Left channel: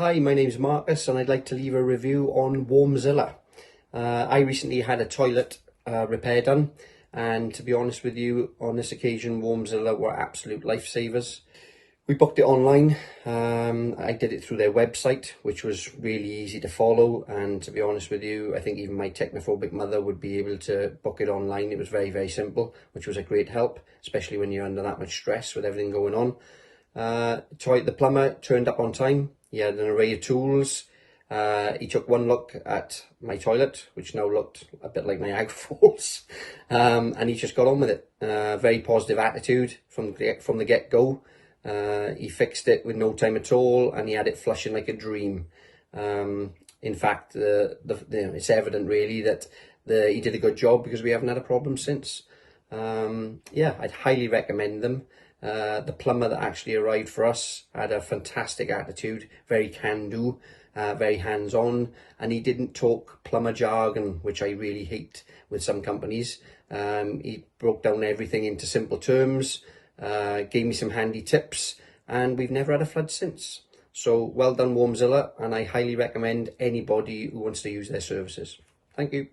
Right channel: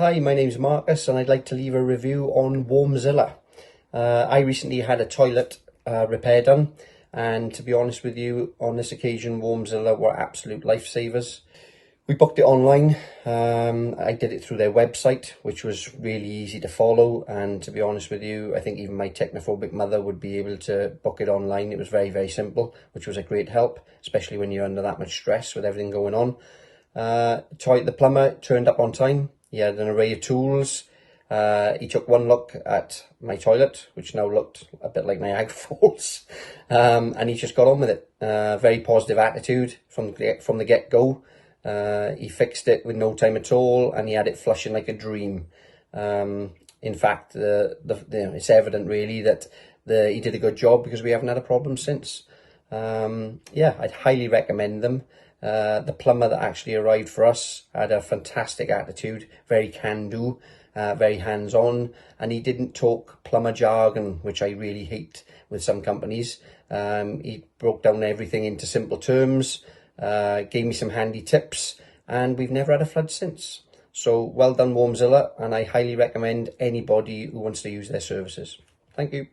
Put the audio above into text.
Hi, my name's Marcus and I'd like to leave a review on WarmZilla. I recently had a toilet repair done, and to be honest with you, on this occasion WarmZilla were absolute lifesavers. We booked it online. I did it through their website, which was really easy to follow, and to be honest with you, I think even my technophobic mother would be able to book it online. It was very, very simple, which was a great help, especially when you're under that much stress with everything going on. The plumber turned up on time. He had an array of tools. He took one look at my toilet, which now looked a bit like Niagara Falls, and he just got on with it. Very positive attitude from the get-go. He fixed it with no time at all, and he had it flushing like a dream. In fact, it's evident really that he did a good job, because we haven't had a problem since. Yeah, I'd highly recommend them. The plumber that actually arrived for us had a fantastic attitude, very can-do, very hands-on, and he didn't talk plumber jargon, which I really hate with some companies. He broke down everything into simple terms, gave me some handy tips, and we've never had a flood since. So well done WarmZilla, and I highly recommend anybody who wants to use their services. Thank you.